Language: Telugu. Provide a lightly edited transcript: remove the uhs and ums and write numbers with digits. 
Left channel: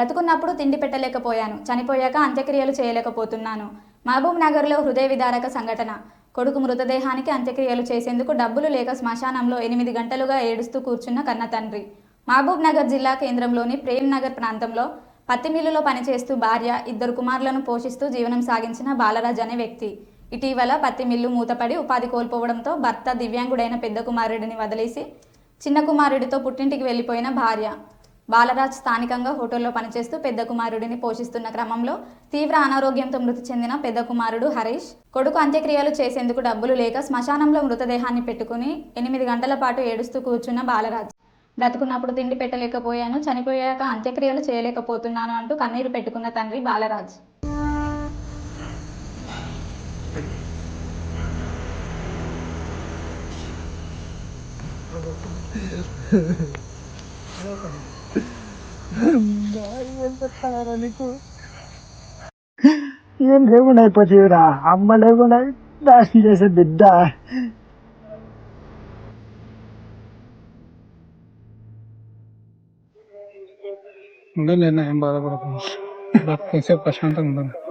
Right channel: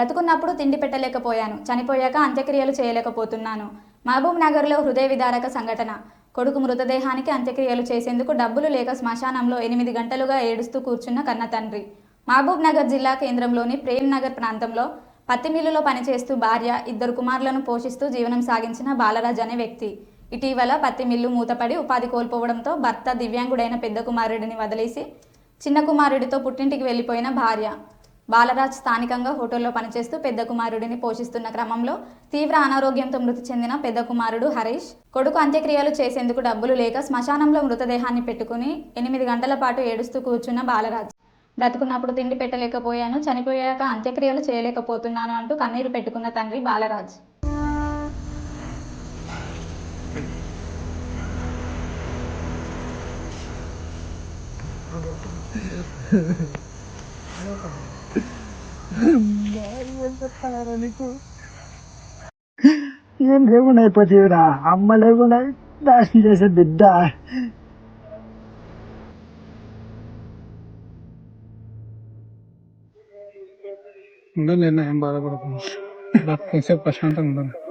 బ్రతుకున్నప్పుడు తిండి పెట్టలేకపోయాను, చనిపోయాక అంత్యక్రియలు చేయలేకపోతున్నాను. మహబూబ్ నగర్లో హృదయ విదారక సంఘటన. కొడుకు మృతదేహానికి అంత్యక్రియలు చేసేందుకు డబ్బులు లేక శ్మశానంలో 8 గంటలుగా ఏడుస్తూ కూర్చున్న కన్న తండ్రి. మహబూబ్ నగర్ జిల్లా కేంద్రంలోని ప్రేమ్ నగర్ ప్రాంతంలో పత్తి మిల్లులో పనిచేస్తూ భార్య, 2 కుమారులను పోషిస్తూ జీవనం సాగించిన బాలరాజ్ అనే వ్యక్తి ఇటీవల పత్తి మిల్లు మూతపడి ఉపాధి కోల్పోవడంతో భర్త దివ్యాంగుడైన పెద్ద కుమారుడిని వదిలేసి చిన్న కుమారుడితో పుట్టింటికి వెళ్లిపోయిన భార్య బాలరాజ్ స్థానికంగా హోటల్లో పనిచేస్తూ పెద్ద కుమారుడిని పోషిస్తున్న క్రమంలో తీవ్ర అనారోగ్యంతో మృతి చెందిన పెద్ద కుమారుడు హరీష్. కొడుకు అంత్యక్రియలు చేసేందుకు డబ్బులు లేక శ్మశానంలో మృతదేహాన్ని పెట్టుకుని 8 గంటల పాటు ఏడుస్తూ కూర్చున్న బాలరాజ్. బ్రతుకున్నప్పుడు తిండి పెట్టలేకపోయాను, చనిపోయాక అంత్యక్రియలు చేయలేకపోతున్నాను అంటూ కన్నీరు పెట్టుకున్న తండ్రి బాలరాజ్. నీకు ఏం లేకుండా అయిపోతేవిరా, అమ్మ లేకుండా నాశనం చేసే బిడ్డ. ఉండలేదు, ఏం బాధపడకుండా ప్రశాంతంగా ఉండదు.